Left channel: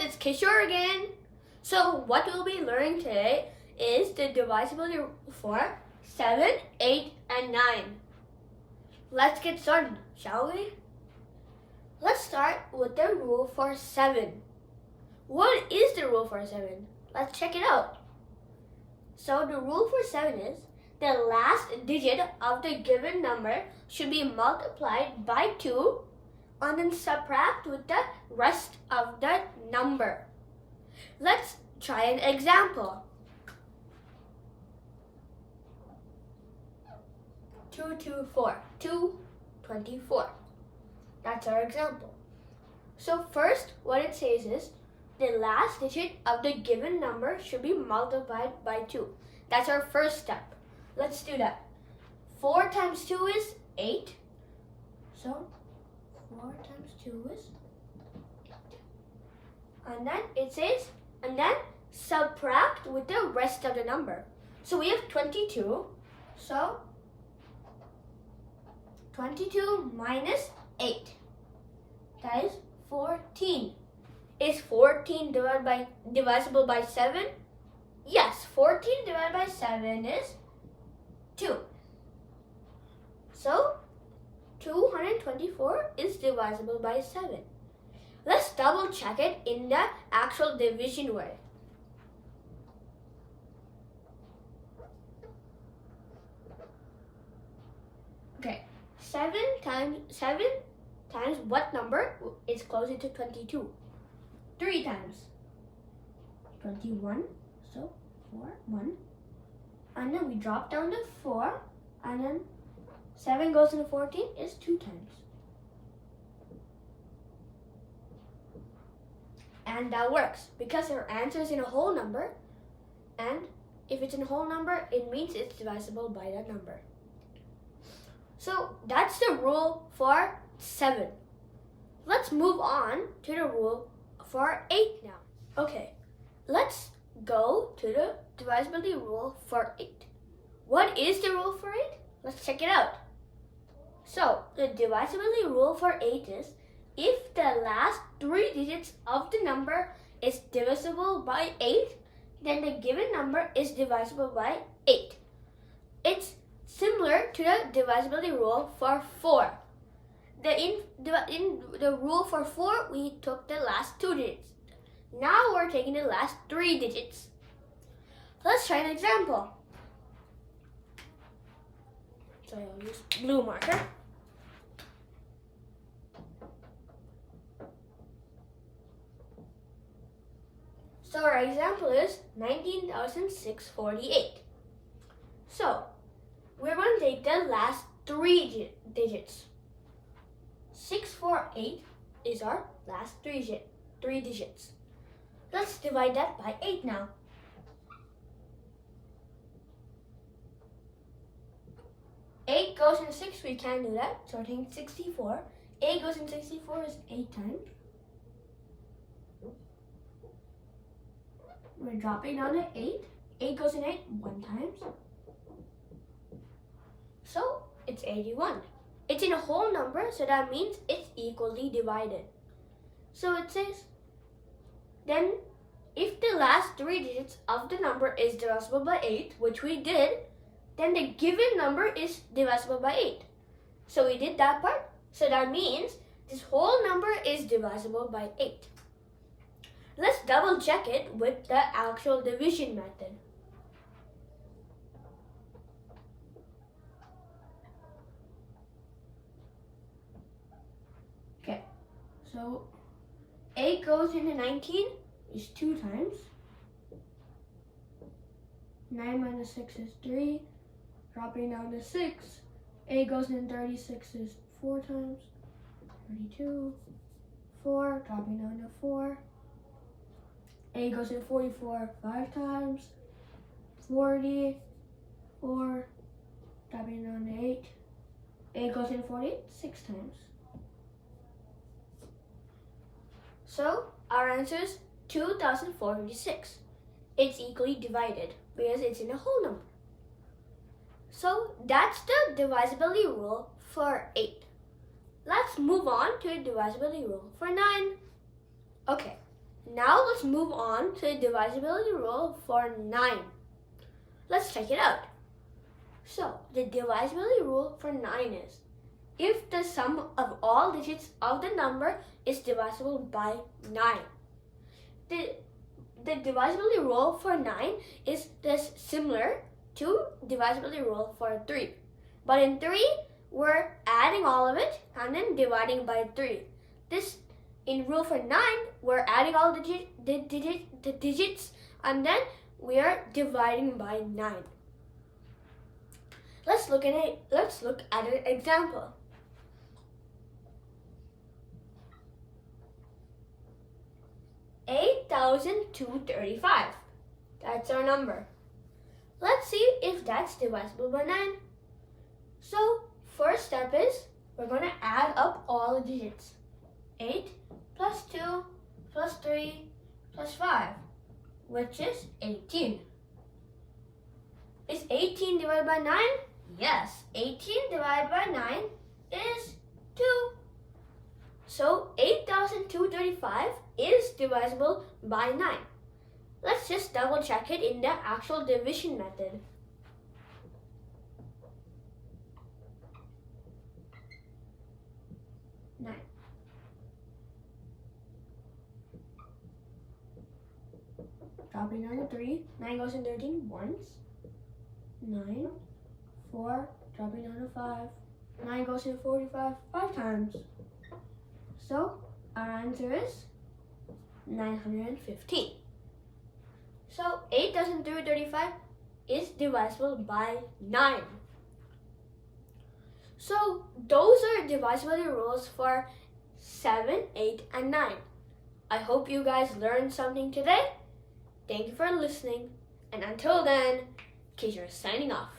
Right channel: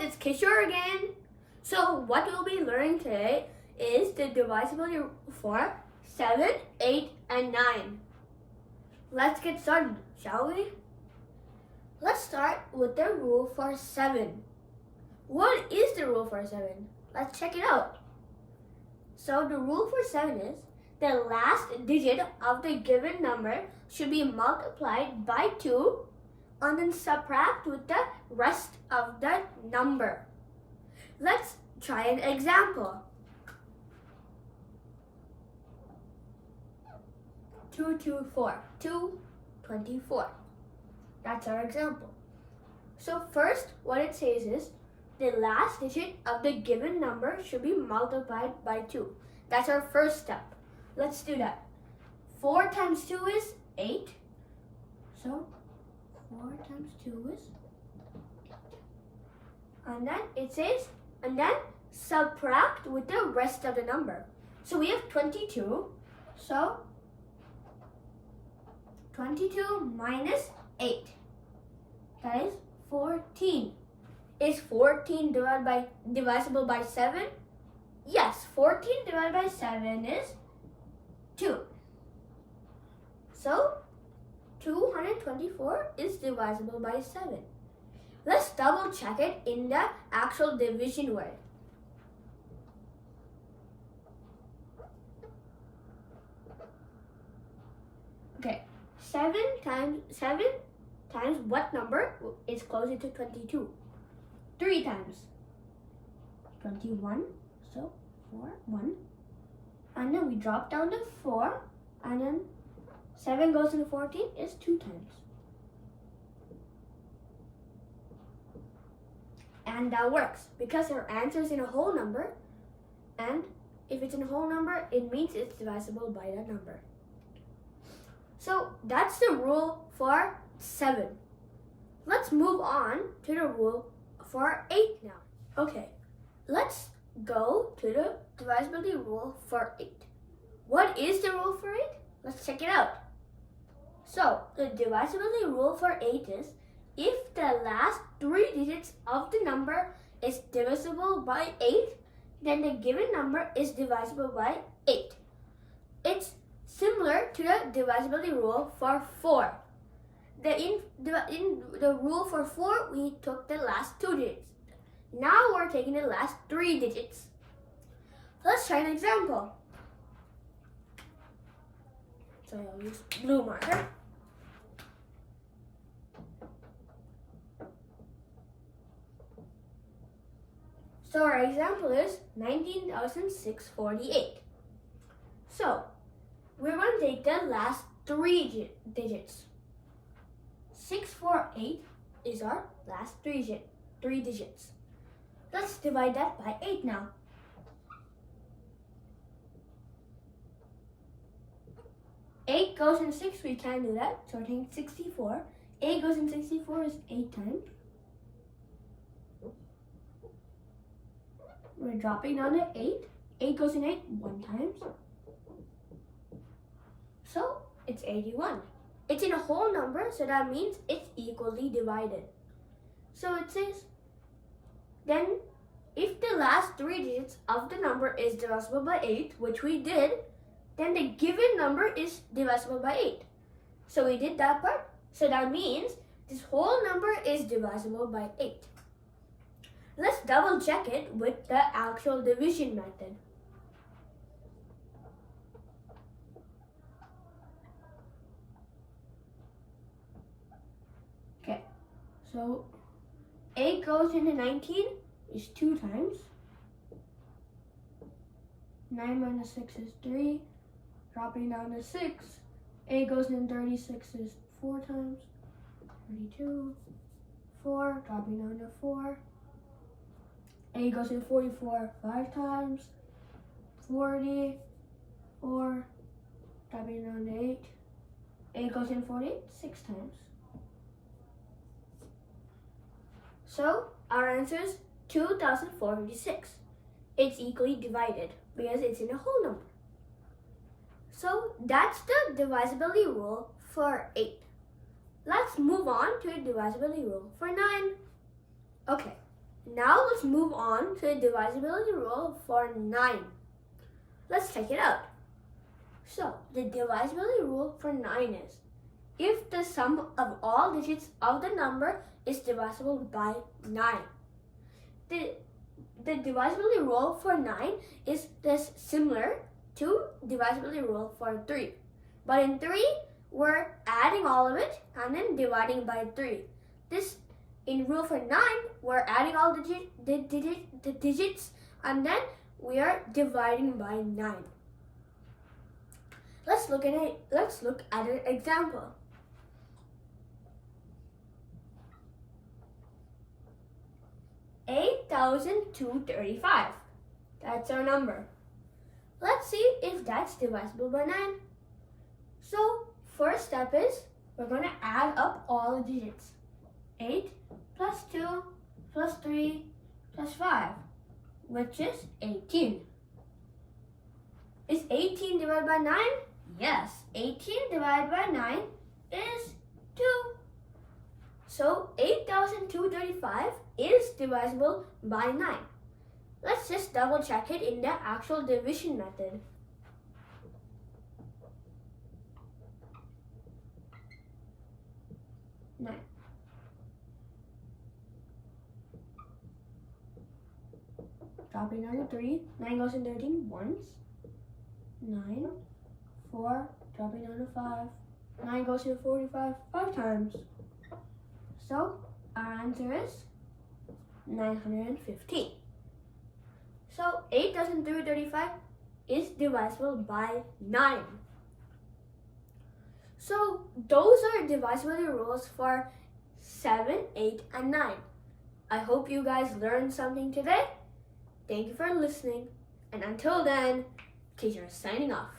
it's Kishore again. So what we'll be learning today is the divisibility for 7, 8, and 9. Let's get started, shall we? Let's start with the rule for 7. What is the rule for 7? Let's check it out. So the rule for 7 is the last digit of the given number should be multiplied by 2 and then subtract with the rest of the number. Let's try an example. 224, 224. That's our example. So first, what it says is the last digit of the given number should be multiplied by 2. That's our first step. Let's do that. 4 times 2 is 8. So 4 times 2 is 8. And then it says, and then subtract with the rest of the number. So we have 22. So 22 minus 8. That is 14. Is 14 divisible by 7? Yes, 14 divided by 7 is 2. So 224 is divisible by 7. Let's double check it in the actual division way. Okay, 7 times what number is closer to 22? 3 times 21, so 4, 1. And then we drop down to 4, and then 7 goes into 14 is 2 times. And that works because our answer is in a whole number, and if it's in a whole number, it means it's divisible by that number. So that's the rule for 7. Let's move on to the rule for 8 now. Okay, let's go to the divisibility rule for 8. What is the rule for 8? Let's check it out. So the divisibility rule for 8 is if the last 3 digits of the number is divisible by 8, then the given number is divisible by 8. It's similar to the divisibility rule for 4. In the rule for 4, we took the last 2 digits. Now we're taking the last 3 digits. Let's try an example. So I'll use blue marker. So our example is 19,648. So we're going to take the last 3 digits. 648 is our last 3 digits. Let's divide that by 8 now. 8 goes in 6, we can't do that, so we're taking 64. 8 goes in 64 is 8 times. We're dropping down to 8. 8 goes in 8 1 times. So it's 81. It's in a whole number, so that means it's equally divided. So it says, then if the last 3 digits of the number is divisible by 8, which we did, then the given number is divisible by 8. So we did that part. So that means this whole number is divisible by 8. Let's double check it with the actual division method. Okay, so 8 goes into 19 is 2 times. 9 minus 6 is 3. Dropping down to 6. 8 goes in 36 is 4 times. 32. 4. Dropping down to 4. 8 goes in 44 5 times. 40. 4. Dropping down to 8. 8 goes in 48 6 times. So our answer is 2,456. It's equally divided because it's in a whole number. So that's the divisibility rule for 8. Let's move on to the divisibility rule for 9. Okay, Now let's move on to the divisibility rule for 9. Let's check it out. So, the divisibility rule for 9 is, if the sum of all digits of the number is divisible by 9. The divisibility rule for 9 is similar to divisibility rule for 3. But in 3, we're adding all of it and then dividing by 3. In rule for 9, we're adding all the digits and then we are dividing by 9. Let's look at an example. $8,235. That's our number. Let's see if that's divisible by 9. So, first step is we're going to add up all the digits. 8 plus 2 plus 3 plus 5, which is 18. Is 18 divided by 9? Yes, 18 divided by 9 is 2. So 8,235 is divisible by 9. Let's just double check it in the actual division method. Dropping down to 3, 9 goes in 13 once, 9, 4, dropping down to 5, 9 goes in 45 5 times. So our answer is 915. So 8,335 is divisible by 9. So those are divisibility rules for 7, 8, and 9. I hope you guys learned something today. Thank you for listening, and until then, Kishore signing off.